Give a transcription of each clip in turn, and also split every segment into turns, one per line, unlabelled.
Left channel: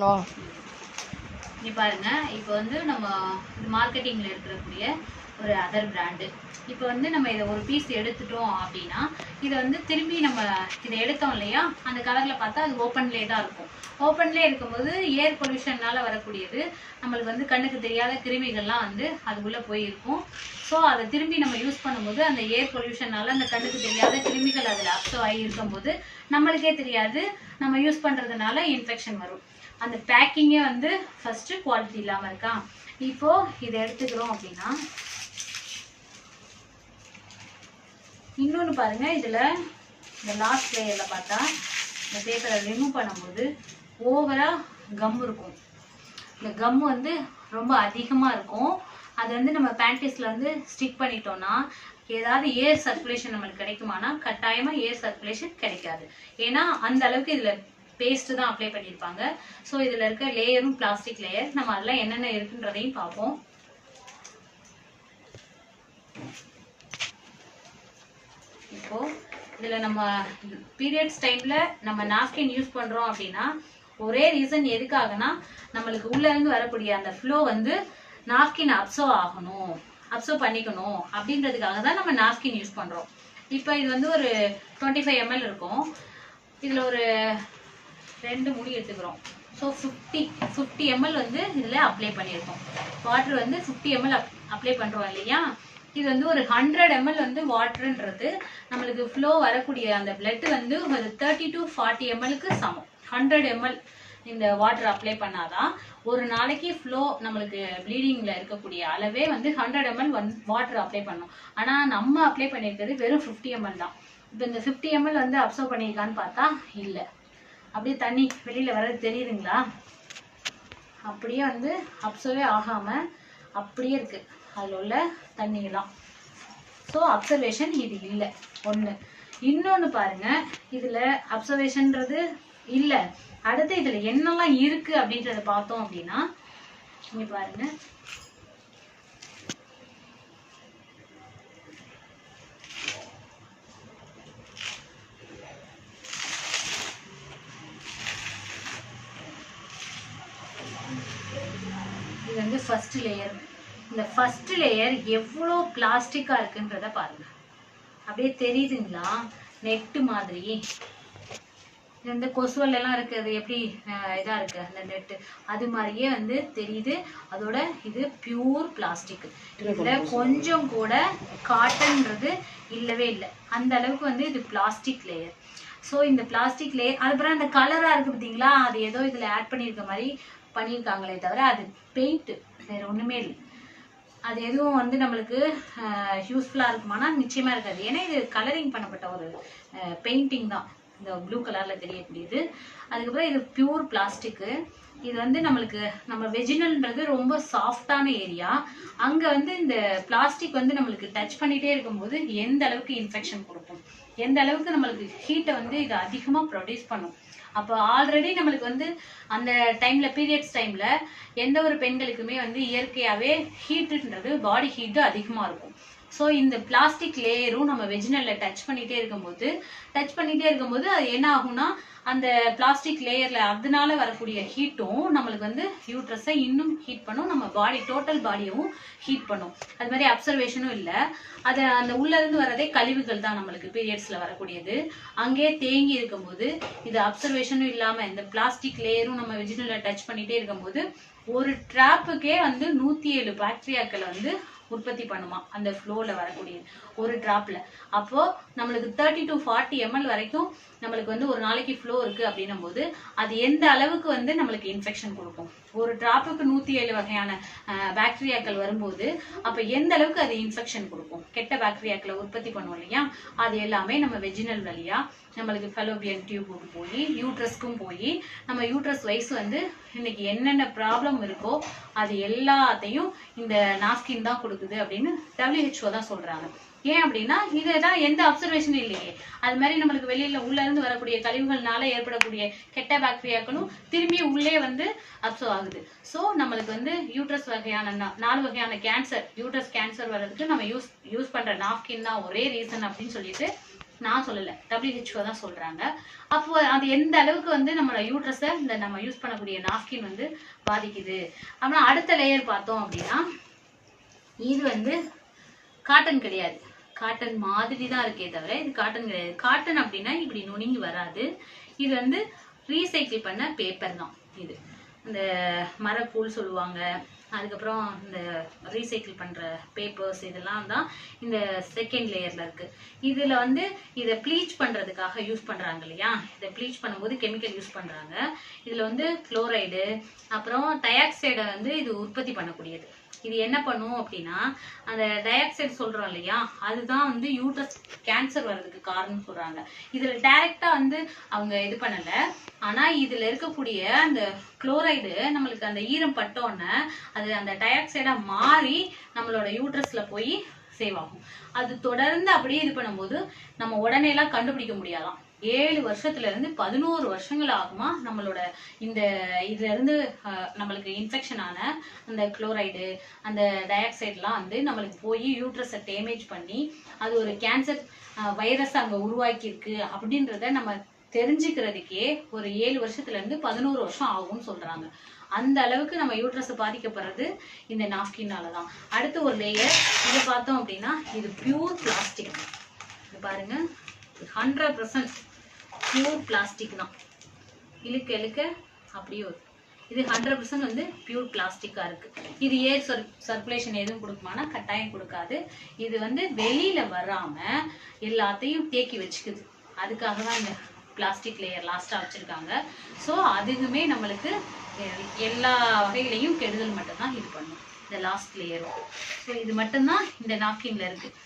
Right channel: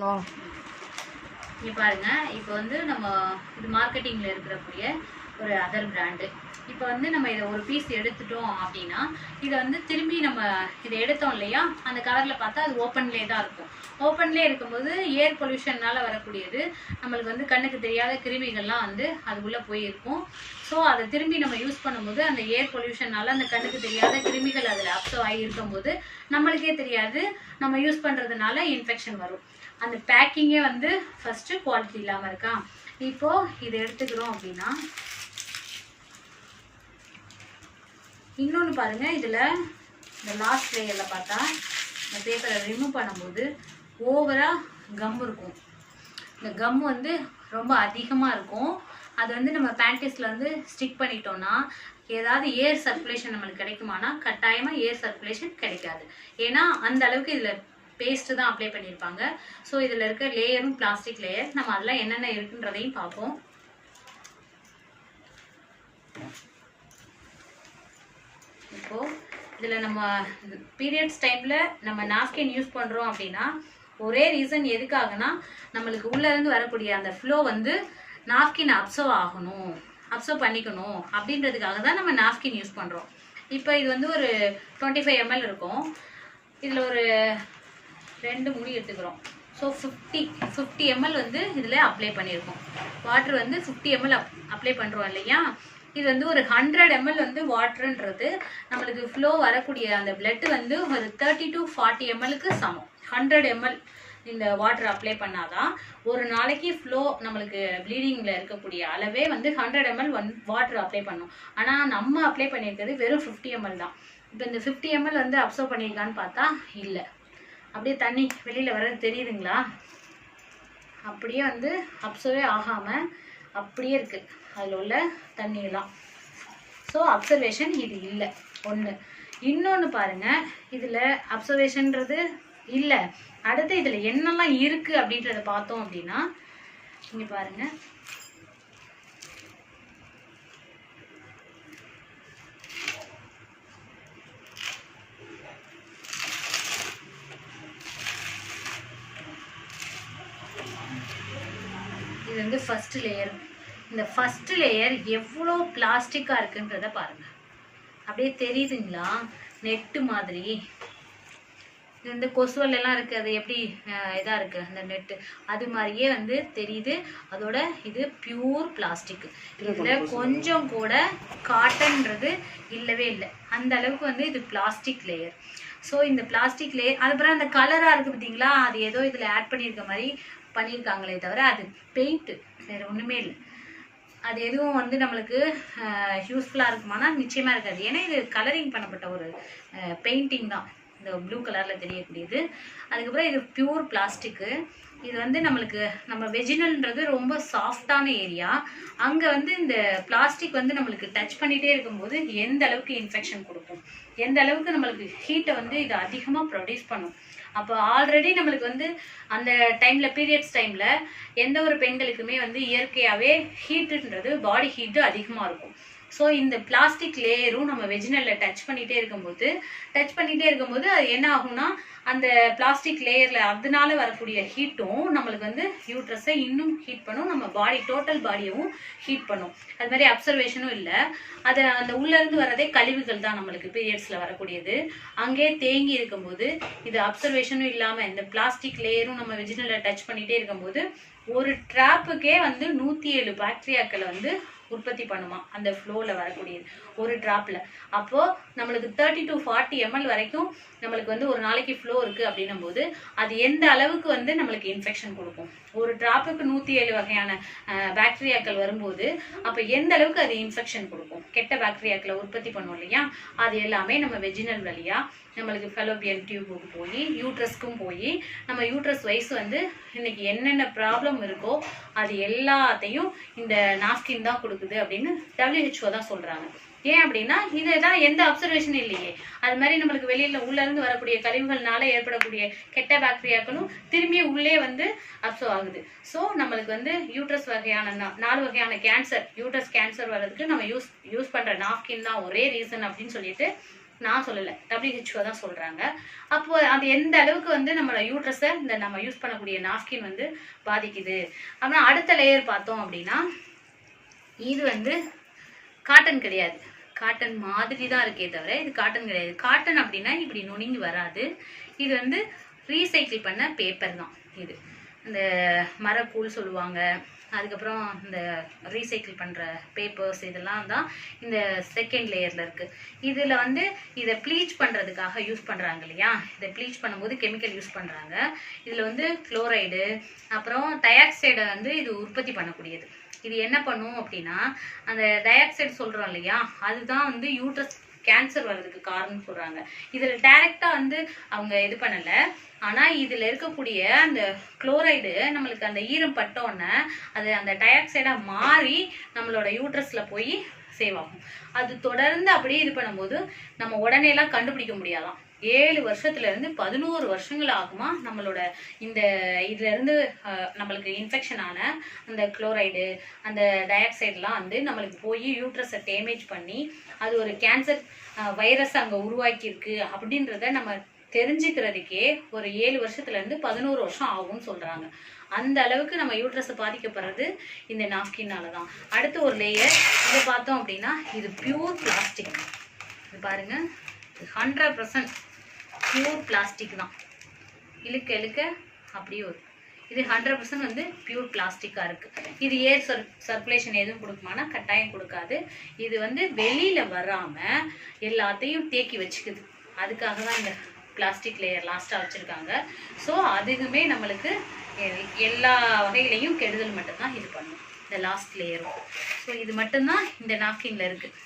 பண்ணுவோம்
நீ பாருங்க இப்போ வந்து நம்ம இது மார்க்கெட்டிங்கில் இருக்கக்கூடிய ஒரு அதர் பிராண்டு இப்போ வந்து நம்ம இதை ஒரு பீஸ் எடுத்துட்டோம் அப்படின்னா இதை வந்து திரும்பி நம்ம இதை எடுத்தோம் இல்லையா? அந்த கவர்ல பார்த்தா அது ஓப்பன்லேயே தான் இருக்கும். ஓப்பன்லேயே இருக்கும்போது ஏர் பொல்யூஷன்னால் வரக்கூடியது நம்மளுக்கு வந்து கண்ணுக்கு தெரியாத கிருமிகள்லாம் வந்து அதுக்குள்ளே போயிருக்கும். ஸோ அதை திரும்பி நம்ம யூஸ் பண்ணும்போது அந்த ஏர் பொல்யூஷனால அந்த கண்ணுக்கு தெரியாத கிருமிகள் அதில் அப்சர்வ் ஆகி இருக்கும்போது நம்மளுக்கே தெரியாது. நம்ம யூஸ் பண்ணுறதுனால இன்ஃபெக்ஷன் வரும். அந்த பேக்கிங்கே வந்து ஃபஸ்ட்டு குவாலிட்டி இல்லாமல் இருக்கா? இப்போ இதை எடுத்துக்கிறோம் அப்படின்னா இன்னொன்று பாருங்கள் இதில் இந்த லாஸ்ட் லேயரில் பார்த்தா இந்த பேப்பரை ரிமூவ் பண்ணும்போது ஓவராக கம் இருக்கும். இந்த கம் வந்து ரொம்ப அதிகமாக இருக்கும். அது வந்து நம்ம பேண்டிஸ்ல வந்து ஸ்டிக் பண்ணிட்டோம்னா ஏதாவது ஏர் சர்க்குலேஷன் நம்மளுக்கு கிடைக்குமானா கட்டாயமாக ஏர் சர்க்குலேஷன் கிடைக்காது. ஏன்னா அந்த அளவுக்கு இதில் பேஸ்ட் தான் அப்ளை பண்ணியிருப்பாங்க ஸோ இதில் இருக்க லேயரும் பிளாஸ்டிக் லேயர் நம்ம அதெல்லாம் என்னென்ன இருக்குன்றதையும் பார்ப்போம். இப்போது இதில் நம்ம பீரியட்ஸ் டைமில் நம்ம நாப்கின் யூஸ் பண்ணுறோம் அப்படின்னா ஒரே ரீசன் எதுக்காகனா நம்மளுக்கு உள்ளேருந்து வரக்கூடிய அந்த ஃப்ளோ வந்து நாப்கின் அப்சர்வ் ஆகணும் அப்சர்வ் பண்ணிக்கணும் அப்படின்றதுக்காக தான் நம்ம நாப்கின் யூஸ் பண்ணுறோம் இப்போ இது வந்து ஒரு டுவெண்ட்டி ஃபைவ் எம்எல் இருக்கும். இதில் ஒரு ரெண்டு முடி எடுத்துக்கிறோம். ஸோ ஃபிஃப்டி ஃபிஃப்டி எம்எல் வந்து இதில் அப்ளை பண்ணியிருக்கோம். வாட்டர் வந்து ஃபிஃப்டி எம்எல் அப் அப்ளை பண்ணுறோம் இல்லையா? இது வந்து ஒரு ஹண்ட்ரட் எம்எல் வந்து வாட்டருன்றது நம்மளுக்கு ஃப்ளோ வரக்கூடிய அந்த பிளட் வந்து ஒரு தேர்ட்டி டு ஃபார்ட்டி எம்எல்க்கு சமம். ஹண்ட்ரட் எம்எல் இந்த வாட்டர் அப்ளை பண்ணாதான் ஒரு நாளைக்கு ஃப்ளோ நம்மளுக்கு ப்ளீடிங்கில் இருக்கக்கூடிய அளவே வந்து hundred ML one water apply பண்ணோம். ஆனால் நம்ம அப்ளை பண்ணியிருக்கிறது வெறும் ஃபிஃப்டி எம்எல் தான். இப்போ இந்த ஃபிஃப்டி எம்எல் வந்து அப்சர்வ் பண்ணியிருக்கான்னு பார்த்தா இல்லை. அப்படியே தண்ணி வெளியில் வர்றது தெரியுதுங்களா? அப்படியே வந்து அப்சர்வே ஆகாமல் அப்படியே இருக்குது அதில் உள்ள தண்ணியெல்லாம். ஸோ அப்சர்வேஷன் இது இல்லை. ஒன்று இன்னொன்று பாருங்க. இதில் அப்சர்வேஷன்றது இல்லை. அடுத்து இதில் என்னெல்லாம் இருக்குது அப்படின்றத பார்த்தோம் அப்படின்னா இங்கே பாருங்கள் ஃபர்ஸ்ட் லேயர் இந்த ஃபர்ஸ்ட் லேயர் எவ்வளோ பிளாஸ்டிக்காக இருக்குன்றத பாருங்க. அப்படியே தெரியுதுங்களா? நெட்டு மாதிரி. இது வந்து கொசுவல் எல்லாம் இருக்கு. அது எப்படி அஹ், இதா இருக்கு? அந்த நெட்டு அது மாதிரியே வந்து தெரியுது. அதோட இது பியூர் பிளாஸ்டிக் இதுல கொஞ்சம் கூட காட்டன்றது இல்லவே இல்லை. அந்த அளவுக்கு வந்து இது பிளாஸ்டிக் லேயர் ஸோ இந்த பிளாஸ்டிக் லேயர் அதுக்கப்புறம் அந்த கலரா இருக்கு பார்த்தீங்களா? அது ஏதோ இதுல ஆட் பண்ணியிருக்க மாதிரி பண்ணியிருக்காங்களே தவிர அது பெயிண்ட்டு வேறு ஒன்றுமே இல்லை. அது எதுவும் வந்து நம்மளுக்கு யூஸ்ஃபுல்லாக இருக்குமானா நிச்சயமாக இருக்காது. ஏன்னா இது கலரிங் பண்ணப்பட்ட ஒரு பெயிண்டிங் தான். இந்த ப்ளூ கலரில் தெரியக்கூடியது. அதுக்கப்புறம் இது பியூர் பிளாஸ்டிக்கு இது வந்து நம்மளுக்கு நம்ம வெஜினல்ன்றது ரொம்ப சாஃப்டான ஏரியா அங்கே வந்து இந்த பிளாஸ்டிக் வந்து நம்மளுக்கு டச் பண்ணிகிட்டே இருக்கும்போது எந்த அளவுக்கு இன்ஃபெக்ஷன் கொடுக்கும்? எந்த அளவுக்கு நம்மளுக்கு ஹீட்டை வந்து இது அதிகமாக ப்ரொடியூஸ் பண்ணும்? அப்போ ஆல்ரெடி நம்மளுக்கு வந்து அந்த டைம்ல பீரியட்ஸ் டைம்ல எந்த ஒரு பெண்களுக்குமே வந்து இயற்கையாகவே ஹீட்டுன்றது பாடி ஹீட்டு அதிகமாக இருக்கும். ஸோ இந்த பிளாஸ்டிக் லேயரும் நம்ம வெஜினல்ல டச் பண்ணிகிட்டே இருக்கும்போது டச் பண்ணிகிட்டே இருக்கும்போது அது என்ன ஆகும்னா அந்த பிளாஸ்டிக் லேயரில் அதனால வரக்கூடிய ஹீட்டும் நம்மளுக்கு வந்து யூட்ரஸை இன்னும் ஹீட் பண்ணும். நம்ம பாடி டோட்டல் பாடியவும் ஹீட் பண்ணும். அது மாதிரி அப்சர்வேஷனும் இல்லை. அது அந்த உள்ளேருந்து வரதே கழிவுகள் தான் நம்மளுக்கு பீரியட்ஸில் வரக்கூடியது. அங்கே தேங்கி இருக்கும்போது இது அப்சர்வேஷனும் இல்லாமல் இந்த பிளாஸ்டிக் லேயரும் நம்ம வெஜினல்ல டச் பண்ணிகிட்டே இருக்கும்போது ஒரு ட்ராப்புக்கே வந்து நூற்றி ஏழு பாக்டீரியாக்களை வந்து உற்பத்தி பண்ணுமா? அந்த ஃப்ளோவில் வரக்கூடியது. ஒரு ட்ராப்பில் அப்போது நம்மளுக்கு தேர்ட்டி டு ஃபார்ட்டி எம்எல் வரைக்கும் நம்மளுக்கு வந்து ஒரு நாளைக்கு ஃப்ளோ இருக்குது அப்படின்னும் போது அது எந்த அளவுக்கு வந்து நம்மளுக்கு இன்ஃபெக்ஷன் கொடுக்கும்? ஒரு டிராப்புக்கு நூத்தி ஏழு வகையான பாக்டீரியாக்கள் வரும்போது அப்ப எந்த அளவுக்கு அது இன்ஃபெக்ஷன் கொடுக்கும்? கெட்ட பாக்டீரியாக்களை உற்பத்தி பண்ணும் இல்லையா? அது எல்லாமே நம்ம வெஜினல் வழியா நம்மளுக்கு ஃபெலோபியன் டியூபுக்கு போய் யூட்ரஸ்க்கும் போய் நம்ம யூட்ரஸ் வைஸ் வந்து இன்னைக்கு என்னென்ன ப்ராப்ளம் இருக்கோ அது எல்லாத்தையும் இந்த நாஸ்கின் தான் கொடுக்குது அப்படின்னு டபிள்யூஹெச்ஓ தான் சொல்றாங்க. ஏன் அப்படின்னா இதுதான் எந்த அப்சர்வேஷன் இல்லையே. அது மாதிரி நம்மளுக்கு வெளியில உள்ள இருந்து வரக்கூடிய கழிவுகள்னால ஏற்படக்கூடிய கெட்ட பாக்டீரியாக்களும் திரும்பி உள்ளே வந்து அப்சர்வ் ஆகுது. ஸோ நம்மளுக்கு வந்து யூட்ரஸ் வகையான நாலு வகையான கேன்சர் யூட்ரஸ் கேன்சர் வர்றதுக்கு நம்ம யூஸ் யூஸ் பண்ற நாப்கின் தான் ஒரே ரீசன் அப்படின்னு சொல்லிட்டு நான் சொல்லலை. டபிள்யூஹெச்ஓ தான் சொல்கிறாங்க அப்போ அது எந்த அளவுக்கு வந்து நம்மளோட யூட்ரஸை இந்த நம்ம யூஸ் பண்ணக்கூடிய நாப்கின் வந்து பாதிக்குது. அப்புறம் அடுத்த லேயர் பார்த்தோம் அப்படின்னா இது வந்து காட்டன் கிடையாது. காட்டன் மாதிரி தான் இருக்கே தவிர இது காட்டன் கிடையாது. காட்டன் அப்படின்னா இப்படி நுனிங்கி வராது. இது வந்து ரீசைக்கிள் பண்ண பேப்பர் தான் இது. இந்த மரக்கூழ் சொல்லுவாங்க. அதுக்கப்புறம் இந்த ரீசைக்கிள் பண்ணுற பேப்பர்ஸ் இதெல்லாம் தான் இந்த செகண்ட் லேயரில் இருக்குது இதில் வந்து இதை ப்ளீச் பண்ணுறதுக்காக யூஸ் பண்ணுறாங்க இல்லையா? இதை ப்ளீச் பண்ணும்போது கெமிக்கல் யூஸ் பண்ணுறாங்க இதில் வந்து குளோரைடு அப்புறம் டயாக்சைடை வந்து இது உற்பத்தி பண்ணக்கூடியது. இது என்ன பண்ணும் அப்படின்னா அந்த டயாக்சைடு சொல்கிறோம் இல்லையா அதுதான் வந்து யூட்ரஸ் கேன்சர் வர்றதுக்கு காரணம் சொல்கிறாங்க இதில் டைரெக்டாக வந்து அவங்க இது பண்ணலை. ஆனால் இதில் இருக்கக்கூடிய அந்த குளோரைடு நம்மளுக்கு அந்த ஈரம் பட்டோன்னே அது அந்த டயாக்சைடாக மாறி நம்மளோட யூட்ரஸில் போய் சேவ் ஆகும். அது தொடர்ந்து அப்படியே இது பண்ணும்போது நம்ம உடனேலாம் கண்டுபிடிக்க முடியலாம். ஏழு வருஷத்துல இருந்து பதினோரு வருஷங்கள் ஆகுமா நம்மளோட இந்த இதுல இருந்து நம்மளுக்கு இன்ஃபெக்ஷன் ஆன அந்த குளோரைடு அந்த டயாக்சைட்லாம் வந்து நம்மளுக்கு போய் யூட்ரஸை டேமேஜ் பண்ணி அது ஒரு கேன்சர் வைரஸ் அங்கே உருவாக்கியிருக்கு அப்படின்றத நம்ம தெரிஞ்சுக்கிறதுக்கே ஒரு ஏழு வருஷத்துல இருந்து பதினோரு வருஷம் ஆகும்னு சொல்றாங்க. அந்த அளவுக்கு நம்ம யூட்ரஸை பாதிக்கப்படுறது இந்த நாப்கின்னால தான் அடுத்து ஒரு லேயர் இதை பார்த்தோம் அப்படின்னா இது பியூர் பிளாஸ்டிக் இது பாருங்க ஹண்ட்ரட் பர்சன்ட் பியூர் பிளாஸ்டிக் தான். இழுக்க இழுக்க அப்படியே வரும். இது ஹண்ட்ரட் பர்சன்ட் வந்து பியூர் பிளாஸ்டிக்காக இருக்குது இது ஏர் சர் சர்க்குலேஷன் எதுவும் கொடுக்குமானா கட்டாயம் கொடுக்காது. இது வந்து வெளியில் வராமல் எல்லாத்தையும் தேக்கி வச்சுக்குது. அதுக்காக தான் இந்த பிளாஸ்டிக் லேயர் லாஸ்ட்டாக வச்சுருக்காங்க. ஸோ அதுக்குமே நம்மளுக்கு எல்- எல்லா வகையிலையும் கெடுதல் மட்டும்தான் இது பண்ணும். இந்த லாஸ்ட் லேயரும் ஸோ இது மட்டும்தான் இந்த நாப்கின்ல இருக்குது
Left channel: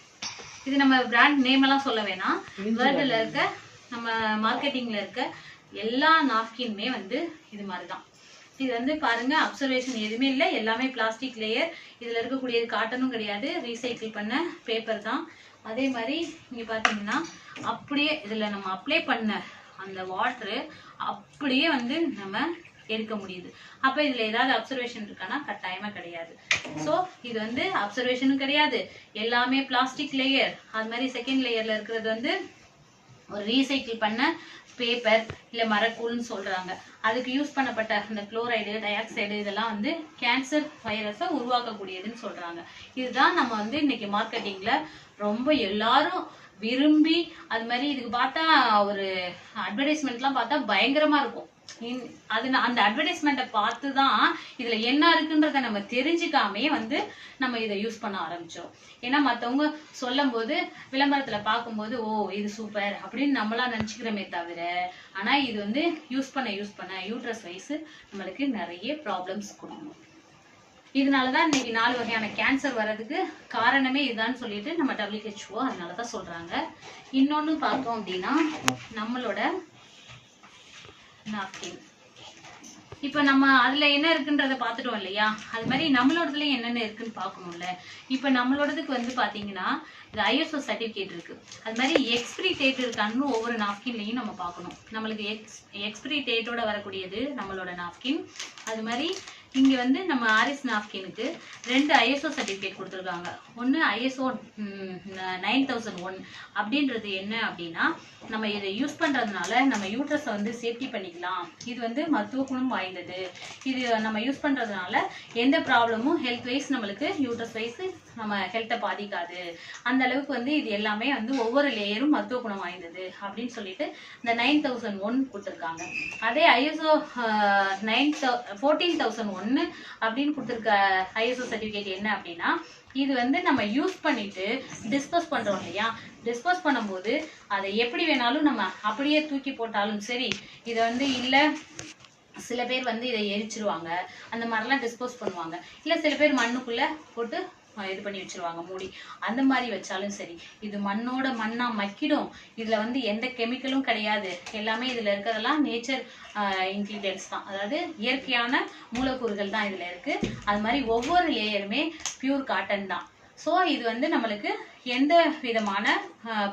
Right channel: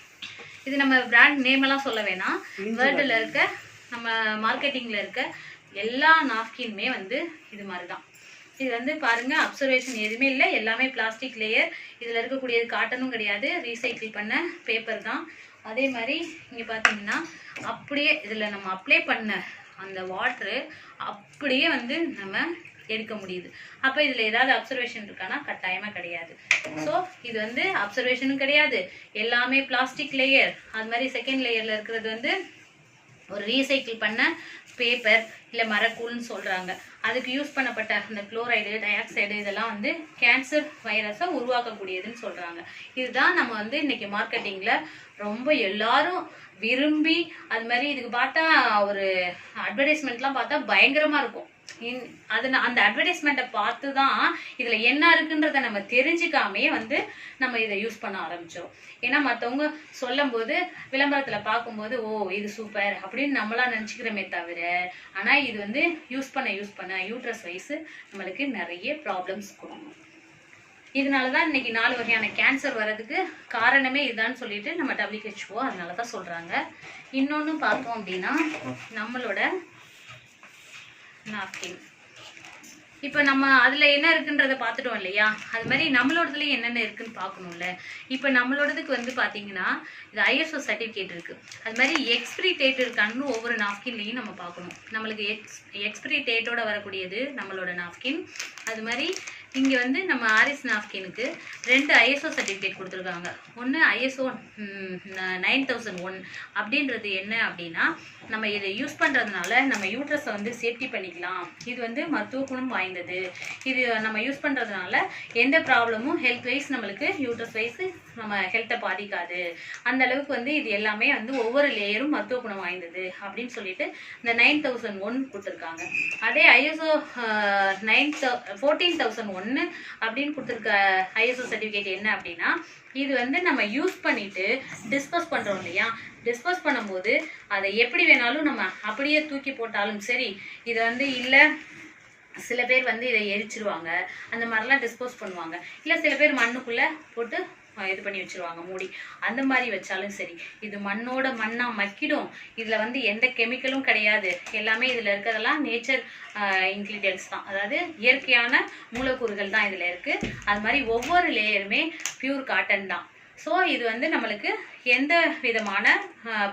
இது நம்ம பிராண்ட் நேம் எல்லாம் சொல்ல வேணாம். வேர்ல்டில் இருக்க நம்ம மார்க்கெட்டிங்கில் இருக்க எல்லா நாப்கின்மே வந்து இது மாதிரி தான் இது வந்து பாருங்க அப்சர்வேஷன் எதுவுமே இல்லை. எல்லாமே பிளாஸ்டிக் லேயர் இதில் இருக்கக்கூடியது காட்டனும் கிடையாது. ரீசைக்கிள் பண்ண பேப்பர் தான். அதே மாதிரி இங்கே பார்த்தீங்கன்னா அப்படியே இதில் நம்ம அப்ளை பண்ண அந்த வாட்ரு அப்படியே வந்து நம்ம எடுக்க முடியுது. அப்போ இதில் ஏதாவது அப்சர்வேஷன் இருக்கானா கட்டாயமாக கிடையாது. ஸோ இது வந்து அப்சர்வேஷனும் கிடையாது. எல்லாமே பிளாஸ்டிக் லேயர் அது மாதிரி செகண்ட் லேயரில் இருக்கிறது வந்து ஒரு ரீசைக்கிள் பண்ண பேப்பர் இல்லை மரக்கூழ்னு சொல்கிறாங்க அதுக்கு யூஸ் பண்ணப்பட்ட அந்த குளோரைடு டயாக்சைடு இதெல்லாம் வந்து கேன்சர் வைரஸை உருவாக்கக்கூடியதுன்னு சொல்கிறாங்க இதுதான் நம்ம வந்து இன்னைக்கு மார்க்கெட்டிங்கில் ரொம்ப எல்லாரும் விரும்பி அது மாதிரி இதுக்கு பார்த்தா ஒரு அட்வர்டைஸ்மெண்ட்லாம் பார்த்தா பயங்கரமாக இருக்கும். இன்- அது அந்த அட்வர்டைஸ்மெண்ட்டை பார்த்து தான் இதில் என்ன இருக்குன்றத நம்ம தெரிஞ்சுக்காமே வந்து நம்ம இதை யூஸ் பண்ண ஆரம்பித்தோம் ஏன்னா மற்றவங்க சொல்லும் போது விளம்பரத்தில் பார்க்கும்போது ஓ இது சூப்பர் அப்படின்னு நம்மளாம் நினச்சிக்கிறோமே தவிர ஆனால் இது வந்து யூஸ் பண்ண யூஸ் பண்ண யூட்ரஸ் வயசு நம்மளுக்கு நிறைய ப்ராப்ளம்ஸ் கொடுக்கும். இதனால தான் இன்னைக்கு நாலு வகையான கேன்சர் வர்றதுக்கு காரணமே இதுதான் சொல்லிட்டு நம்ம டபிள்யூஹெச்ஓ அதனால தான் சொல்கிறாங்க இன்னொன்று பார்த்தோம் அப்படின்னா நம்மளோட நாப்கின் இப்போ நம்ம அதில் என்ன இருக்குன்றதை பார்த்துட்டோம் இல்லையா? அது மாதிரி நம்மளோடதுல என்னென்ன இருக்குன்னு பார்க்கணும்ல. இப்போ நம்மளோடதுக்கு வந்து பார்த்தீங்கன்னா இது ஐஎஸ்ஓ சர்டிஃபிகேட் இருக்குது அது மாதிரி எக்ஸ்பிரி டேட் இருக்கான்னு ஒவ்வொரு நாப்கின்லையும் நம்ம பார்க்கணும். நம்மளுக்கு எக்ஸ் எக்ஸ்பிரி டேட்டோட வரக்கூடியது நம்மளோட நாப்கின் அது மாதிரி இங்கே வந்து நம்ம ஆரிஸ் நாப்கினுக்கு ரெண்டு ஐஎஸ்ஓ சர்டிஃபிகேட் கொடுத்துருக்காங்க. ஒன்று ஐஎஸ்ஓ நைன் தௌசண்ட் ஒன் அப்படின்றது என்ன அப்படின்னா நம்ம இதை யூஸ் பண்ணுறதுனால நம்ம யூட்ரஸை வந்து சேஃப்டி பண்ணிக்கலாம். இது வந்து மருத்துவ குணம் வாய்ந்தது. இது நம்ம யூஸ் பண்ணுறதுனால எந்த ப்ராப்ளமும் ஹெல்த் வைஸ் நம்மளுக்கு யூட்ரஸ் வைஸ் நம்ம ஹெல்த்தை பாதிக்காது. அந்த அளவுக்கு வந்து இது எல்லாமே வந்து ஒவ்வொரு லேயரும் மருத்துவ குணம் வாய்ந்தது அப்படின்னு சொல்லிட்டு இந்த நைன் தௌசண்ட் ஒன் கொடுத்துருக்காங்க. அதே ஐஎஸ்ஓ நைன் தௌ ஃபோர்டீன் தௌசண்ட் ஒன்று அப்படின்னு கொடுத்துருக்க ஐஎஸ்ஓ சர்டிஃபிகேட் என்ன அப்படின்னா இது வந்து நம்ம யூஸ் பண்ணிட்டு டிஸ்போஸ் பண்ணுறோம் இல்லையா? டிஸ்போஸ் பண்ணும்போது அதை எப்படி வேணாலும் நம்ம அப்படியே தூக்கி போட்டாலும் சரி இதை வந்து இல்லை சில பேர் வந்து இதை எரிச்சிருவாங்க. அந்த மாதிரிலாம் டிஸ்போஸ் பண்ணுவாங்க. இல்லை சில பேர் மண்ணுக்குள்ளே போட்டு இது பண்ணி வச்சிருவாங்க மூடி. அந்த மாதிரி வச்சாலும் சரி இது மண்ணோட மண்ணா மக்கிடும். இதில் வந்து எந்த கெமிக்கலும் கிடையாது. எல்லாமே இதில் இருக்கிறதெல்லாம் நேச்சர் இன்க்ரீடியன்ஸ் தான். அதாவது இயற்கையான மூலக்கூறுகள் தான் இதில் இருக்குது அது மாதிரி ஒவ்வொரு லேயருமே பியூர் காட்டன் தான். ஸோ இது வந்து நம்மளுக்கு எந்த விதமான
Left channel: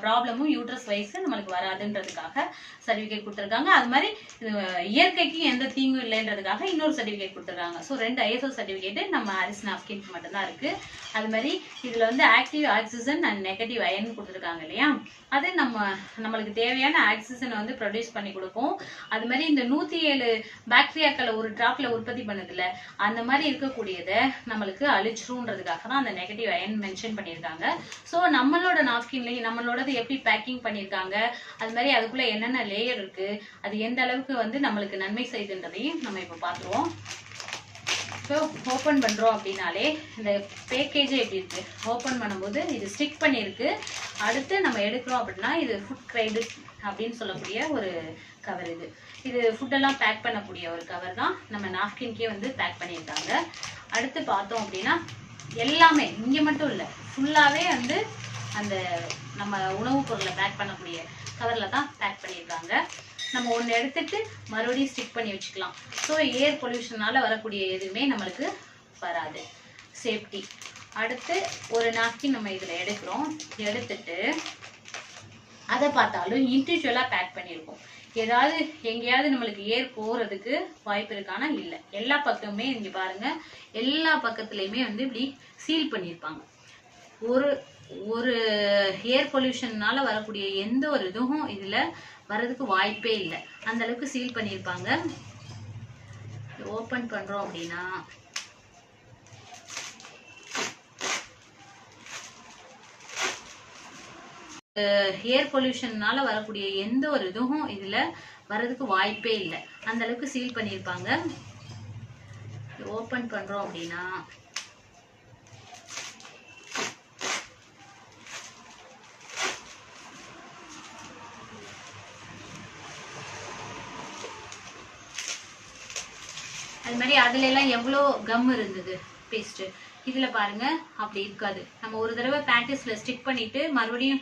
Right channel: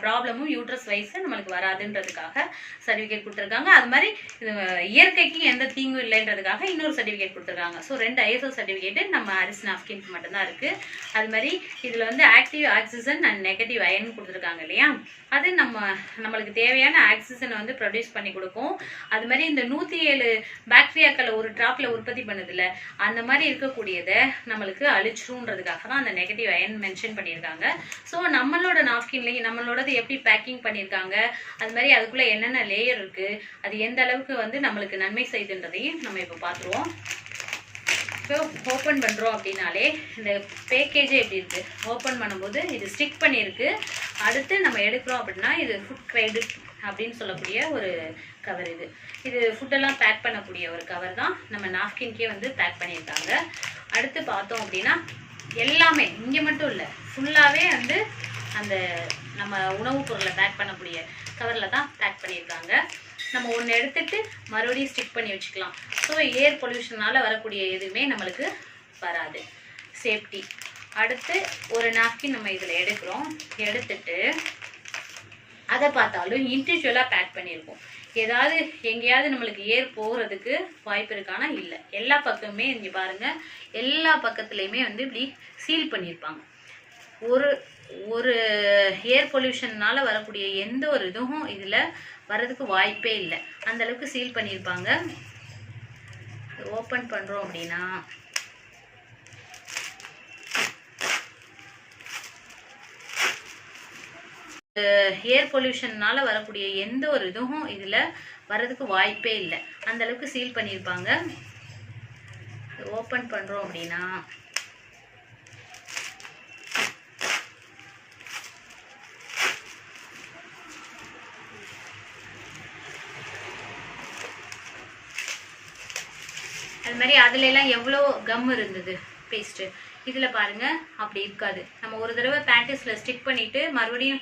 ப்ராப்ளமும் யூட்ரஸ் வைஸ் நம்மளுக்கு வராதுன்றதுக்காக சர்டிஃபிகேட் கொடுத்துருக்காங்க. அது மாதிரி இயற்கைக்கு எந்த தீங்கும் இல்லைன்றதுக்காக இன்னொரு சர்டிஃபிகேட் கொடுத்துருக்காங்க. ஸோ ரெண்டு ஐஎஸ்ஓ சர்டிஃபிகேட்டு நம்ம அரிசி நாப்கின்க்கு மட்டும்தான் இருக்குது அது மாதிரி இதில் வந்து active oxygen and negative ion கொடுத்துருக்காங்க இல்லையா? அது நம்ம நம்மளுக்கு தேவையான ஆக்சிஜனை வந்து ப்ரொடியூஸ் பண்ணி கொடுக்கும். அது மாதிரி இந்த நூற்றி ஏழு பாக்டீரியாக்களை ஒரு ட்ராப்பில் உற்பத்தி பண்ணுதில்ல. அந்த மாதிரி இருக்கக்கூடியதை நம்மளுக்கு அழிச்சிருன்றதுக்காக தான் அந்த நெகட்டிவ் அயன் மென்ஷன் பண்ணியிருக்காங்க. ஸோ நம்மளோட நாப்கின்லேயும் நம்மளோடது எப்படி பேக்கிங் பண்ணியிருக்காங்க அது மாதிரி அதுக்குள்ளே என்னென்ன லேயர் இருக்குது அது எந்த அளவுக்கு வந்து நம்மளுக்கு நன்மை செய்துன்றதையும் நம்ம இப்போ பார்த்துருவோம். ஸோ ஓப்பன் பண்ணுறோம் அப்படின்னாலே இந்த பேக்கேஜே எப்படி இருக்குது ஓப்பன் பண்ணும்போது இது ஸ்டிக் பண்ணியிருக்கு. அடுத்து நம்ம எடுக்கிறோம் அப்படின்னா இது ஃபுட் கிரைடு அப்படின்னு சொல்லக்கூடிய ஒரு கவர் இது. இது ஃபுட்டெல்லாம் பேக் பண்ணக்கூடிய ஒரு கவர் தான் நம்ம நாப்கின்கே வந்து பேக் பண்ணியிருக்காங்க. அடுத்து பார்த்தோம் அப்படின்னா எல்லாமே இங்கே மட்டும் இல்லை ஃபுல்லாகவே வந்து அந்த நம்ம உணவுப் பொருளை பேக் பண்ணக்கூடிய கவரில் தான் பேக் பண்ணியிருக்காங்க. நம்ம ஒன்று எடுத்துட்டு மறுபடியும் ஸ்டிக் பண்ணி வச்சுக்கலாம். ஸோ ஏர் பொல்யூஷனால் வரக்கூடிய எதுவுமே நம்மளுக்கு வராது. சேஃப்டி அடுத்து ஒரு நாப்கின் நம்ம இதில் எடுக்கிறோம். எடுத்துட்டு அதை பார்த்தாலும் இண்டிவிஜுவலாக பேக் பண்ணியிருக்கோம் ஏதாவது எங்கேயாவது நம்மளுக்கு ஏர் போகிறதுக்கு வாய்ப்பு இருக்கானா? இல்லை. எல்லா பக்கமே இங்கே பாருங்கள் எல்லா பக்கத்துலேயுமே வந்து இப்படி சீல் பண்ணியிருப்பாங்க. ஒரு ஒரு ஏர் பொல்யூஷன்னால வரக்கூடிய எந்த ஒரு இதுவும் இதில் வர்றதுக்கு வாய்ப்பே இல்லை. அந்த அளவுக்கு சீல் பண்ணியிருப்பாங்க ஓப்பன் பண்ணுறோம் அப்படின்னா. ஏர் பொல்யூஷன்னால வரக்கூடிய எந்த ஒரு இதுவும் இதில் வர்றதுக்கு வாய்ப்பே இல்லை. அந்த அளவுக்கு சீல் பண்ணியிருப்பாங்க ஓப்பன் பண்ணுறோம் அப்படின்னா. மாதிரி அதுல எல்லாம் எவ்வளோ கம் இருந்தது? பேஸ்ட்டு இதில் பாருங்க. அப்படி இருக்காது. நம்ம ஒரு தடவை பேக்கெட்ஸில் ஸ்டிக் பண்ணிட்டு மறுபடியும்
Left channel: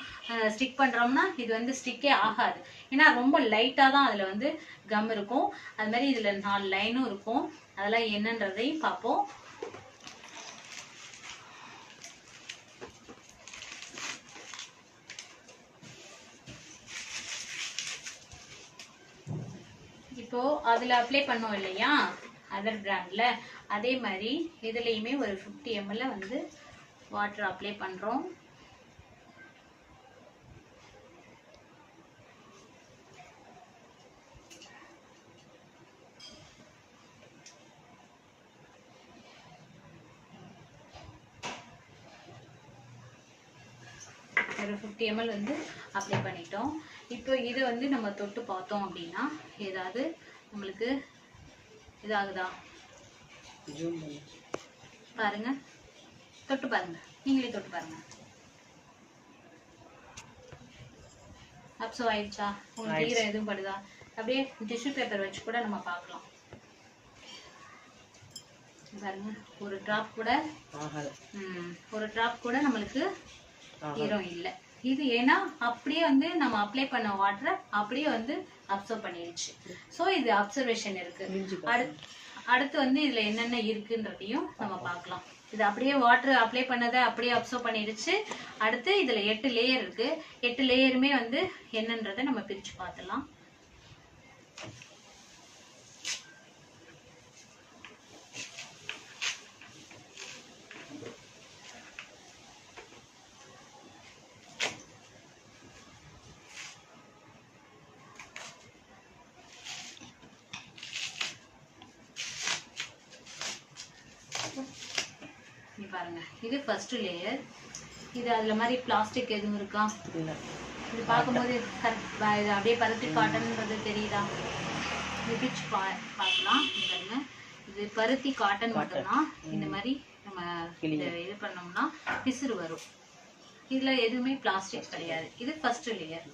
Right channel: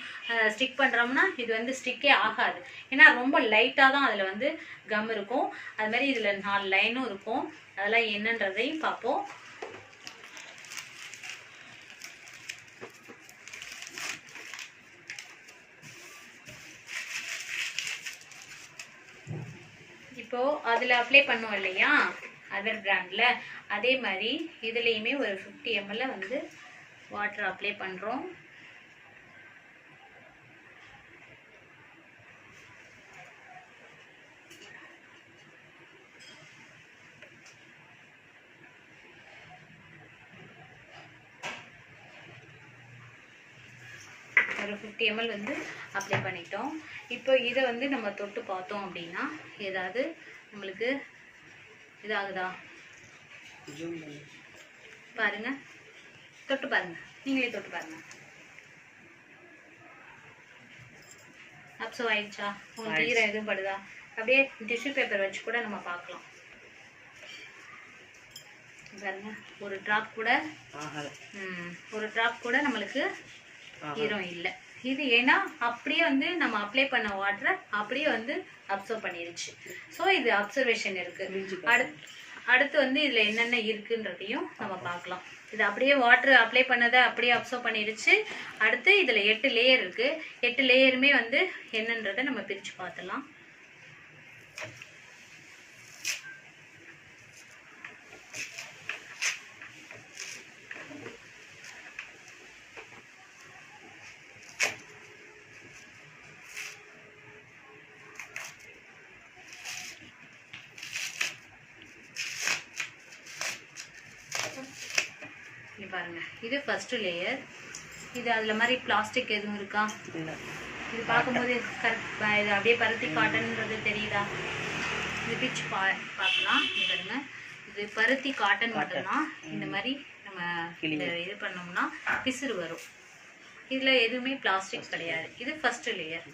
ஸ்டிக் பண்ணுறோம்னா இது வந்து ஸ்டிக்கே ஆகாது. ஏன்னா ரொம்ப லைட்டாக தான் அதில் வந்து கம் இருக்கும். அது மாதிரி இதில் நாலு லைனும் இருக்கும். அதெல்லாம் என்னன்றதையும் பார்ப்போம். இப்போ அதில் அப்ளை பண்ணுவோம் இல்லையா? அதர் பிராண்டில் அதே மாதிரி இதுலேயுமே ஒரு ஃபிஃப்டி எம்எல்ல வந்து வாட்டர் அப்ளை பண்ணுறோம் ஒரு ஃபிஃப்டி எம்எல் வந்து அப்ளை பண்ணிட்டோம். இப்போ இதை வந்து நம்ம தொட்டு பார்த்தோம் அப்படின்னா ஏதாவது நம்மளுக்கு இதாகுதா? பாருங்க. தொட்டு பாருங்க. நீங்களே தொட்டு பாருங்க. அப்சோ ஆயிடுச்சா? உங்களுக்கு ஈரம் எதுவும் படுதா? அப்படியே டிஷ்யூ பேப்பர் வச்சு கூட நம்ம பார்க்கலாம். பாருங்க. ஒரு ட்ராப் கூட ஒரு ட்ராப் கூட நம்மளுக்கு ஈரம் இல்லை. இது ஏன்னா அப்படியே வந்து நம்ம அப்ளை பண்ண வாட்டரை அப்படியே வந்து அப்சர்வ் பண்ணிருச்சு. ஸோ இது அப்சர்வேஷன் இருக்கு. அடுத்து அடுத்து வந்து இதுல என்னென்ன இருக்குன்றதையும் நம்ம பார்க்கலாம். இது அப்படியே வாட்டர் அப்ளை பண்ணதை அப்படியே அப்சர்வ் பண்ணிடுச்சு அடுத்து இதுல எட்டு லேயர் இருக்கு. எட்டு லேயருமே வந்து என்னன்றதை நம்ம பிரிச்சு பார்த்துலாம் இங்க ஃபர்ஸ்ட் லேயர் இது அதுல மாதிரி பிளாஸ்டிக் எதுவும் இருக்கா? இது பார்க்கும்போது கரெக்ட் இது அப்படியே பருத்தி காட்டன்ன்றது தெரியுதா? இது பிச் பா பார்க்கலாம். பாருங்க. இது பருத்தி காட்டன் மட்டும்தான். இந்த மாதிரி நம்ம இத பண்ணோம்னா பிசுறு வரும். இதுல எதுவுமே பிளாஸ்டிக் கிடையாது. இது ஃபர்ஸ்ட் லேயர்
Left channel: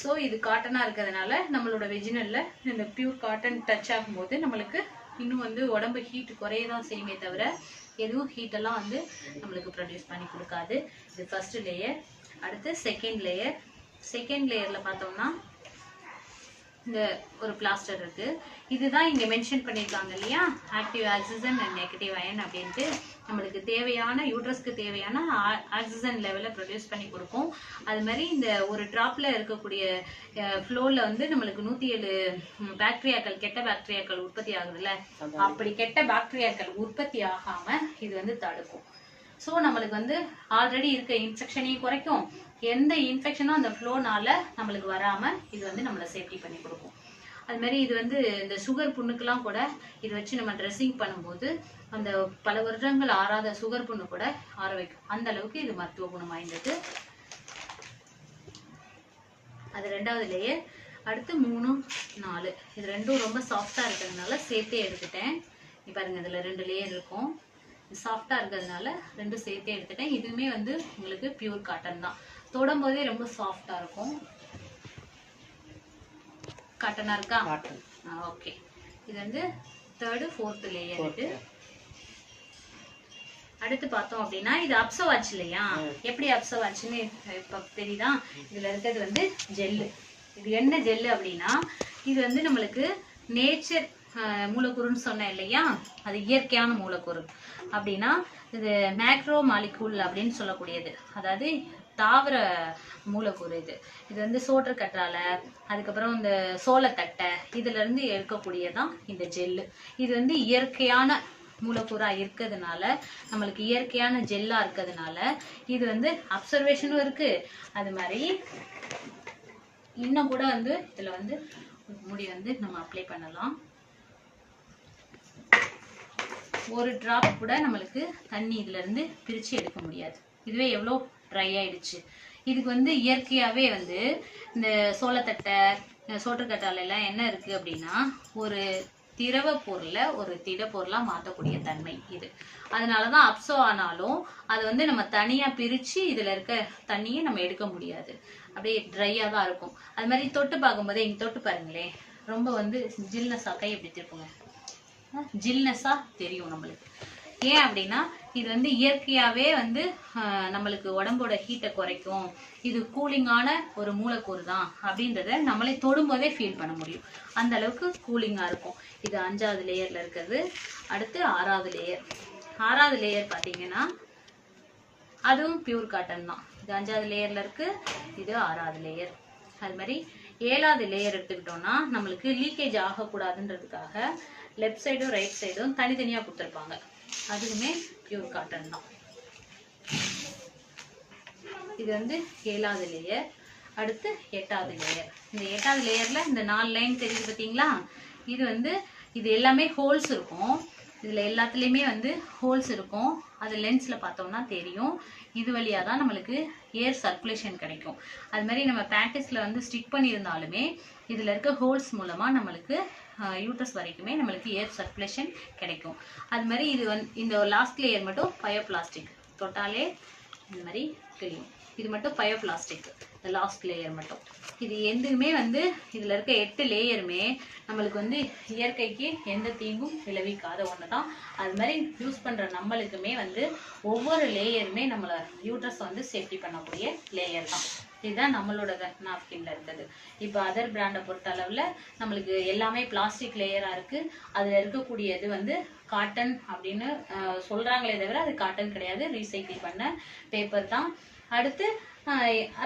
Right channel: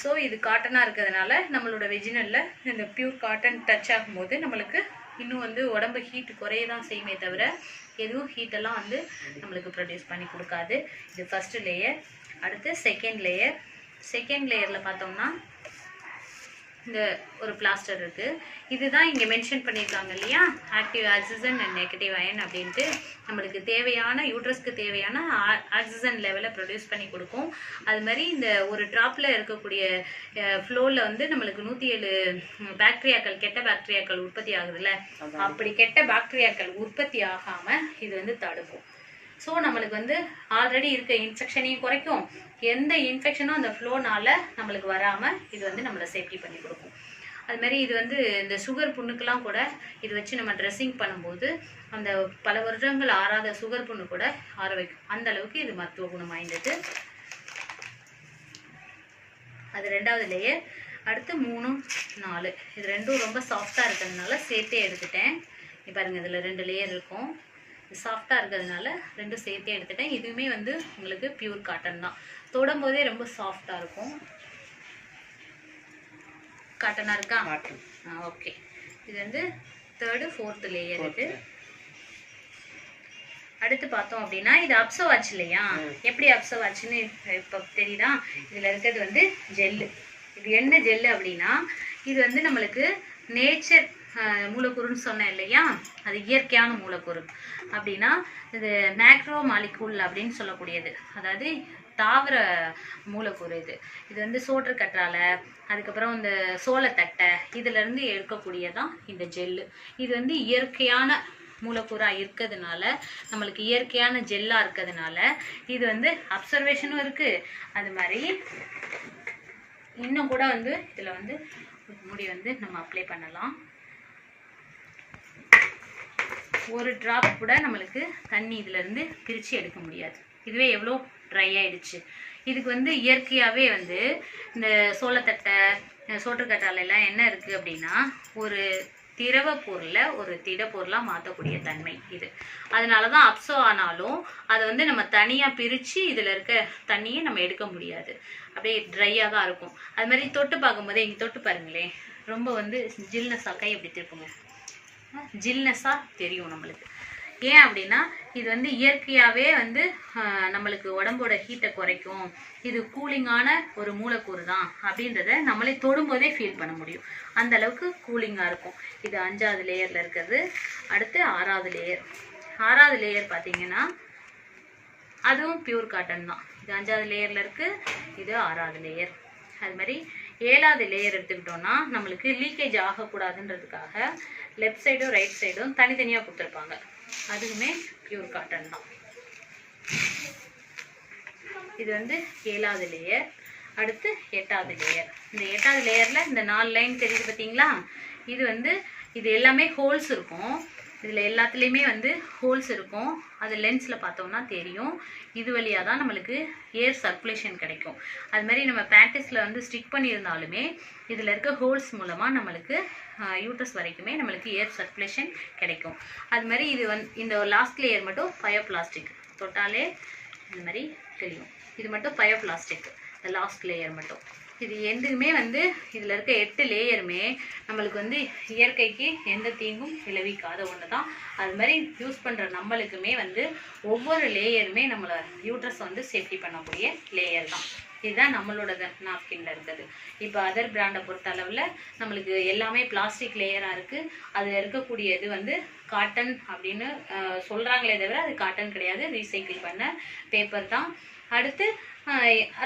ஸோ இது காட்டனாக இருக்கிறதுனால நம்மளோட வெஜினல்ல இந்த பியூர் காட்டன் டச் ஆகும்போது நம்மளுக்கு இன்னும் வந்து உடம்பு ஹீட் குறைய தான் செய்யுமே தவிர எதுவும் ஹீட்டெல்லாம் வந்து நம்மளுக்கு ப்ரொடியூஸ் பண்ணி கொடுக்காது. இது ஃபஸ்ட்டு லேயர் அடுத்து செகண்ட் லேயர் செகண்ட் லேயரில் பார்த்தோம்னா இந்த ஒரு பிளாஸ்டர் இருக்கு. இதுதான் இங்க மென்ஷன் பண்ணியிருக்காங்க இல்லையா? Active oxygen and negative ion அப்படின்ட்டு நம்மளுக்கு தேவையான யூட்ரஸ்க்கு தேவையான ஆக்சிஜன் லெவலை ப்ரொடியூஸ் பண்ணி கொடுக்கும். அது மாதிரி இந்த ஒரு ட்ராப்ல இருக்கக்கூடிய ஃப்ளோவில் வந்து நம்மளுக்கு நூற்றி ஏழு பாக்டீரியாக்கள் கெட்ட பாக்டீரியாக்கள் உற்பத்தி ஆகுதுல்ல? அப்படி கெட்ட பாக்டீரியாக்கள் உற்பத்தி ஆகாம இது வந்து தடுக்கும். ஸோ நம்மளுக்கு வந்து ஆல்ரெடி இருக்க இன்ஃபெக்ஷனையும் குறைக்கும். எந்த இன்ஃபெக்ஷனும் அந்த ஃப்ளோனால நம்மளுக்கு வராமல் இது வந்து நம்மளை சேஃப்டி பண்ணி கொடுக்கும். அதுமாரி இது வந்து இந்த சுகர் புண்ணுக்கெல்லாம் கூட இது வச்சு நம்ம ட்ரெஸ்ஸிங் பண்ணும்போது அந்த பல வருடங்கள் ஆறாத சுகர் புண்ணு கூட ஆற வைக்கும். அந்த அளவுக்கு இது மருத்துவ குணம் வாய்ந்தது. அது ரெண்டாவது லேயர் அடுத்து மூணு நாலு. இது ரெண்டும் ரொம்ப சாஃப்டாக இருக்கிறதுனால சேர்த்தே எடுத்துட்டேன். பாருங்கள் பாருங்க இதில் ரெண்டு லேயர் இருக்கும். சாஃப்டாக இருக்கிறதுனால ரெண்டும் சேர்த்தே எடுத்துட்டேன். இதுவுமே வந்து உங்களுக்கு பியூர் காட்டன் தான். தொடும் போதே ரொம்ப சாஃப்டாக இருக்கும். காட்டனாக இருக்கா? ஓகே இது வந்து தேர்டு ஃபோர்த்து லேயர் இது. அடுத்து பார்த்தோம் அப்படின்னா இது அப்சர்வ் ஆச்சு இல்லையா? எப்படி அப்சர்வ் ஆச்சுன்னு இப்போ தெரியுதா? இதில் இருக்கிறது வந்து ஜெல்லு இது என்ன ஜெல்லு அப்படின்னா இது வந்து நம்மளுக்கு நேச்சர் மூலக்கூறுன்னு சொன்னேன் இல்லையா? அது இயற்கையான மூலக்கூறு. அப்படின்னா இது மேக்ரோ மாலிகூல் அப்படின்னு சொல்லக்கூடியது. அதாவது தாவர மூலக்கூறு இது. இது வந்து சோற்று கற்றாழை அதுக்கப்புறம் இந்த சோளத்தட்டை இதுலேருந்து எடுக்கக்கூடியதான் இந்த ஜெல்லு இது வந்து இயற்கையான மூலக்கூறாக இருக்கிறதுனால நம்மளுக்கு இயற்கையான ஜெல்லாக இருக்கிறதுனால இது வந்து அப்சர்வேஷனும் இருக்குது அது மாதிரி இன்னும் கூட வந்து இதில் வந்து முடி வந்து நம்ம அப்ளை பண்ணலாம். ஒரு டிராப் கூட நம்மளுக்கு தண்ணி இதுலேருந்து பிரித்து எடுக்க முடியாது. இதுவே எவ்வளோ ட்ரை ஆயிடுச்சு. இதுக்கு வந்து இயற்கையாகவே வந்து இந்த சோளத்தட்டை சோற்றுக்கட்டாலையெல்லாம் என்ன இருக்குது அப்படின்னா ஒரு திரவ பொருளை ஒரு திட மாற்றக்கூடிய தன்மை இது. அதனால தான் அப்சோ ஆனாலும் அதை வந்து நம்ம தனியாக பிரித்து இதில் இருக்க தண்ணியை நம்ம எடுக்க முடியாது. அப்படியே ட்ரையாக தான் இருக்கும். அது மாதிரி தொட்டு பார்க்கும்போதே இங்கே தொட்டு பாருங்களேன். ரொம்ப வந்து ஜில்னஸாக ஆக்கை எப்படி திருப்புங்க. ஜில்னஸாக தெரியும் நம்மளுக்கு. ஏன் அப்படின்னா இது வந்து இயற்கையாகவே வந்து நம்மளுக்கு உடம்போட ஹீட்டை குறைக்கும். இது கூலிங்கான ஒரு மூலக்கூறு தான் அப்படின்றத நம்மளே தொடும்போதே ஃபீல் பண்ண முடியும். அந்த அளவுக்கு கூலிங்காக இருக்கும். இது அஞ்சாவது லேயரில் இருக்கிறது. அடுத்து ஆறாவது லேயர் ஆறாவது லேயர் பார்த்தீங்கன்னா அதுவும் பியூர் காட்டன் தான். இது அஞ்சாவது லேயரில் இருக்குது இது ஆறாவது லேயர் அது மாதிரி ஏழாவது லேயர் எடுத்துக்கிட்டோம்னா நம்மளுக்கு லீக்கேஜ் ஆகக்கூடாதுன்றதுக்காக லெஃப்ட் சைடும் ரைட் சைடும் தனித்தனியாக கொடுத்துருப்பாங்க. அதுவுமே பியூர் காட்டன் தான். இது வந்து ஏழாவது லேயர் அடுத்து எட்டாவது லேயர் இந்த எட்டாவது லேயரில் இந்த நாலு லைன் தெரியுது பார்த்தீங்களா இது வந்து இது எல்லாமே ஹோல்ஸ் இருக்கும். இதில் எல்லாத்துலேயுமே வந்து ஹோல்ஸ் இருக்கும். அது லென்ஸில் பார்த்தோம்னா தெரியும். இது வழியாக தான் நம்மளுக்கு ஏர் சர்க்குலேஷன் கிடைக்கும். அது மாதிரி நம்ம ப்ராக்டிஸில் வந்து ஸ்டிக் பண்ணியிருந்தாலுமே இதில் இருக்க ஹோல்ஸ் மூலமாக நம்மளுக்கு யூட்ரஸ் வரைக்குமே நம்மளுக்கு ஏர் சர்க்குலேஷன் கிடைக்கும். அது மாதிரி இது வந் இந்த லாஸ்ட் லேயர் மட்டும் பயோ பிளாஸ்டிக் தொட்டாலே இந்த மாதிரி தெரியும். இது மட்டும் பயோ பிளாஸ்டிக் இந்த லாஸ்ட் லேயர் மட்டும். இது எதுவுமே வந்து இதில் இருக்க எட்டு லேயருமே நம்மளுக்கு வந்து இயற்கைக்கு எந்த தீங்கும் விளைவிக்காத ஒன்று தான் அது மாதிரி யூஸ் பண்ணுற நம்மளுக்குமே வந்து ஒவ்வொரு லேயருமே நம்மளை யூட்ரஸ் வந்து சேஃப்டி பண்ணக்கூடிய லேயர் தான். இதுதான் நம்மளோட நாப்கின்ல இருக்குது இப்போ அதர் பிராண்டை பொறுத்த அளவில் நம்மளுக்கு எல்லாமே பிளாஸ்டிக் லேயராக இருக்குது அதில் இருக்கக்கூடிய இது வந்து காட்டன் அப்படின்னு சொல்கிறாங்களே தவிர அது காட்டன் கிடையாது. ரீசைக்கிள் பண்ண பேப்பர் தான். அடுத்து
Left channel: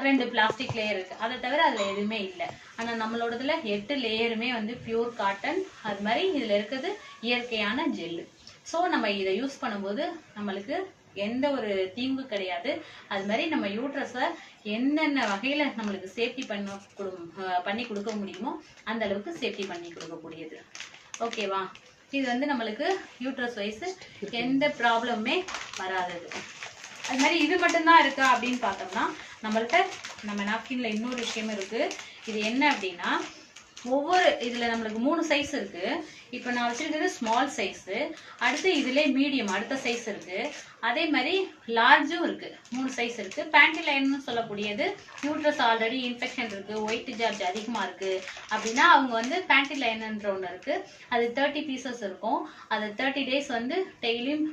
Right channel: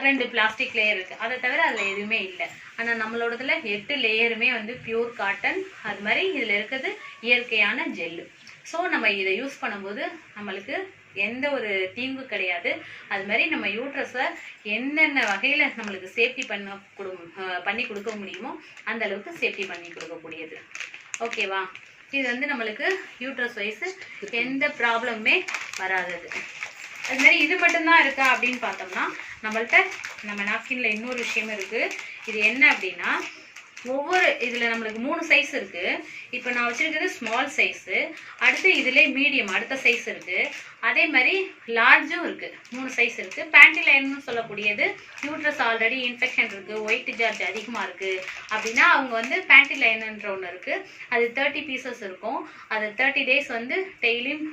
ரெண்டு பிளாஸ்டிக் லேயர் இருக்குது அதை தவிர அதில் எதுவுமே இல்லை. ஆனால் நம்மளோடதுல எட்டு லேயருமே வந்து பியூர் காட்டன் அது மாதிரி இதில் இருக்கிறது இயற்கையான ஜெல்லு ஸோ நம்ம இதை யூஸ் பண்ணும்போது நம்மளுக்கு எந்த ஒரு தீங்கு கிடையாது. அது மாதிரி நம்ம யூட்ரஸை என்னென்ன வகையில் நம்மளுக்கு சேஃப்டி பண்ண கொடு பண்ணி கொடுக்க முடியுமோ அந்த அளவுக்கு சேஃப்டி பண்ணி கொடுக்கக்கூடியது. ஓகேவா இது வந்து நம்மளுக்கு யூட்ரஸ் வைஸ் எந்த ப்ராப்ளமுமே வராதது. அது மாதிரி இது மட்டும்தான் இருக்கா அப்படின்னு பார்த்தோம்னா நம்மள்கிட்ட நம்ம நாப்கின்ல இன்னொரு விஷயம் இருக்கு. இது என்ன அப்படின்னா ஒவ்வொரு இதில் நம்மளுக்கு மூணு சைஸ் இருக்கு. இப்போ நான் வச்சிருக்கிறது ஸ்மால் சைஸு அடுத்து இதுல மீடியம் அடுத்த சைஸ் இருக்கு. அதே மாதிரி லார்ஜும் இருக்கு. மூணு சைஸ் இருக்கு. பேண்டி லைன்னு சொல்லக்கூடியது யூட்ரஸ் ஆல்ரெடி இன்ஃபெக்ஷன் இருக்கு. ஒயிட் சார்ஜ் அதிகமாக இருக்கு. அப்படின்னா அவங்க வந்து பேண்டி லைனுன்ற ஒன்று இருக்கு. அது தேர்ட்டி பீசஸ் இருக்கும். அது தேர்ட்டி டேஸ் வந்து டெய்லியும்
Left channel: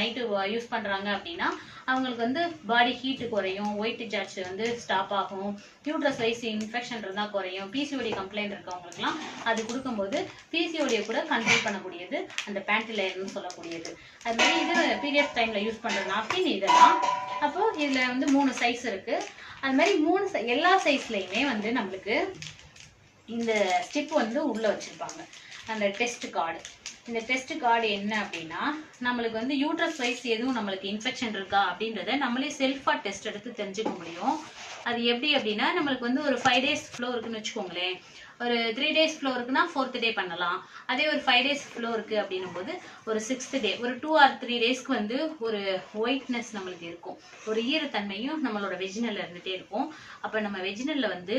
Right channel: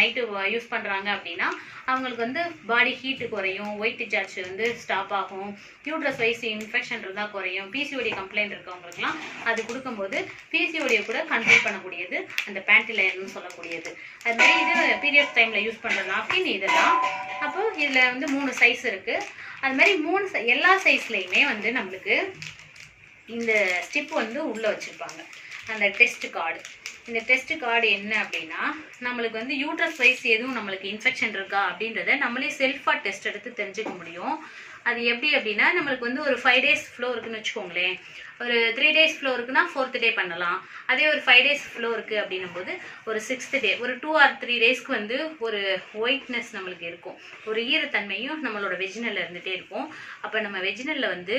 நைட்டு யூஸ் பண்ணுறாங்க அப்படின்னா அவங்களுக்கு வந்து பாடி ஹீட்டு குறையும் ஒயிட் டிசார்ஜ் வந்து ஸ்டாப் ஆகும். யூட்ரஸ் வைஸ் இன்ஃபெக்ஷன் இருந்தால் குறையும். பிசிஓடி கம்ப்ளைண்ட் இருக்கவங்களுக்குலாம் அது கொடுக்கும்போது பிசிஓடியை கூட கண்ட்ரோல் பண்ணக்கூடியது அந்த பேண்டிலையர்னு சொல்லக்கூடியது. அது மாதிரி இது பீரியட் டைமில் யூஸ் பண்ணுற நாப்கின் இதெல்லாம். அப்போ இதில் வந்து மூணு சைஸ் இருக்குது அது மாதிரி மூணு எல்லா சைஸ்லேயுமே வந்து நம்மளுக்கு இந்த ஸ்டிப் வந்து உள்ளே வச்சுருப்பாங்க. அந்த டெஸ்ட் கார்டு இந்த டெஸ்ட் கார்டு என்ன அப்படின்னா நம்மளுக்கு வந்து யூட்ரஸ் வைஸ் எதுவும் நம்மளுக்கு இன்ஃபெக்ஷன் இருக்கா அப்படின்றத நம்மளே செல்ஃபாக டெஸ்ட் எடுத்து தெரிஞ்சுக்க முடியும். அது எப்படி அப்படின்னா நம்மளுக்கு வந்து ஒரு ஃபைவ் டேஸ் ஃப்ளோ இருக்குன்னு வச்சுக்கோங்களேன். ஒரு த்ரீ டேஸ் ஃப்ளோ இருக்குன்னா ஃபோர்த் டே பண்ணலாம். அதே ஒரு ஃபைவ் டேஸ் ஃப்ளோ இருக்குது அப்படின்னும் போது ஒரு சிக்ஸ்த் டே ஒரு டூ ஆர் த்ரீ டேஸ்க்கு வந்து ஒரு ஒயிட்னஸ் நம்மளுக்கு இருக்கும். ஒரு ஈரத்தன்மையும் நம்மளோட வெஜினல்ல இருந்துகிட்டே இருக்கும். அப்போ நம்ம வெஜினல்ல வந்து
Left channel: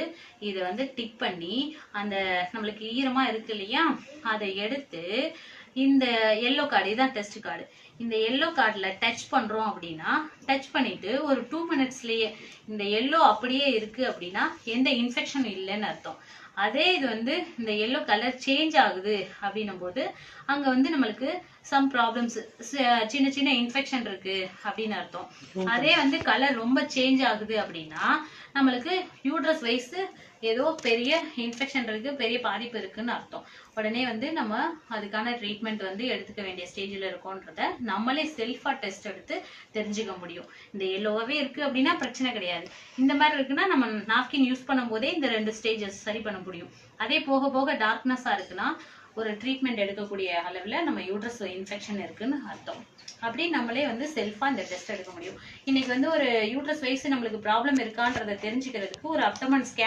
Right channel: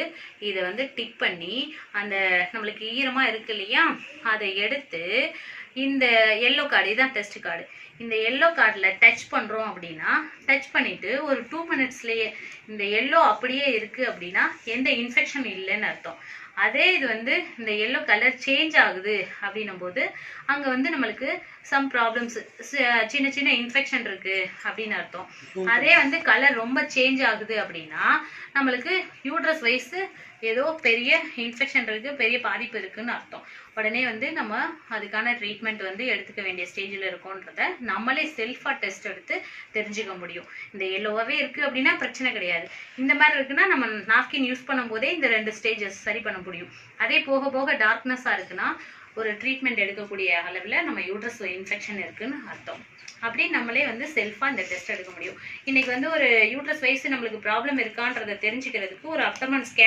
இதை வந்து டிப் பண்ணி அந்த நம்மளுக்கு ஈரமாக இருக்கு இல்லையா அதை எடுத்து இந்த எல்லோ கார்டு இதுதான் டெஸ்ட் கார்டு இந்த எல்லோ கார்டில் டச் பண்ணுறோம் அப்படின்னா டச் பண்ணிட்டு ஒரு டூ மினிட்ஸ்லேயே இந்த எல்லோ அப்படியே இருக்கு அப்படின்னா எந்த இன்ஃபெக்ஷன் இல்லைன்னு அர்த்தம். அதே இது வந்து இந்த எல்லோ கலர் சேஞ்ச் ஆகுது அப்படின்னும் போது அங்கே வந்து நம்மளுக்கு சம் ப்ராப்ளம்ஸ் சின்ன சின்ன இன்ஃபெக்ஷன் இருக்கு அப்படின்னு அர்த்தம். அதே வந்து கலர் ரொம்ப சேஞ்ச் ஆகுது அப்படின்னா நம்மளுக்கு யூட்ரஸ் வயசு ஏதோ பெரிய இன்ஃபெக்ஷன் இருக்கு பெரிய பாதிப்பு இருக்குன்னு அர்த்தம். உடனே வந்து நம்ம அதுக்கான ட்ரீட்மெண்ட் வந்து எடுத்துக்க வேண்டிய ஸ்டேஜில் இருக்கோன்றத நம்மளே செல்ஃபாக டெஸ்ட் எடுத்து தெரிஞ்சுக்க முடியும். இந்த எல்லோவாகவே இருக்குது அப்படின்னா பிரச்சனை கிடையாது. இந்த மாதிரி இருக்குன்னா நம்ம நாப்கின் யூஸ் பண்ணும்போதே இந்த ரெண்டு ஸ்டேஜஸ் சரி பண்ண முடியும். அதே போக போக டார்க்னஸாக இருக்குன்னா ஒரு ட்ரீட்மெண்ட் எடுக்கக்கூடிய அளவில் நம்ம யூட்ரஸ் இன்ஃபெக்ஷன் இருக்குன்னு அர்த்தம். அப்படி நம்மளே வந்து செல்ஃபாக இந்த டெஸ்ட் எடுக்க முடியும். இன்னைக்கு வந்து ஒரு யூட்ரஸ் வயசு நம்மளுக்கு ப்ராப்ளம் இருக்கான்றதை தெரிஞ்சுக்கிறதுக்கு ஒரு அப்டமன் ஸ்கேன்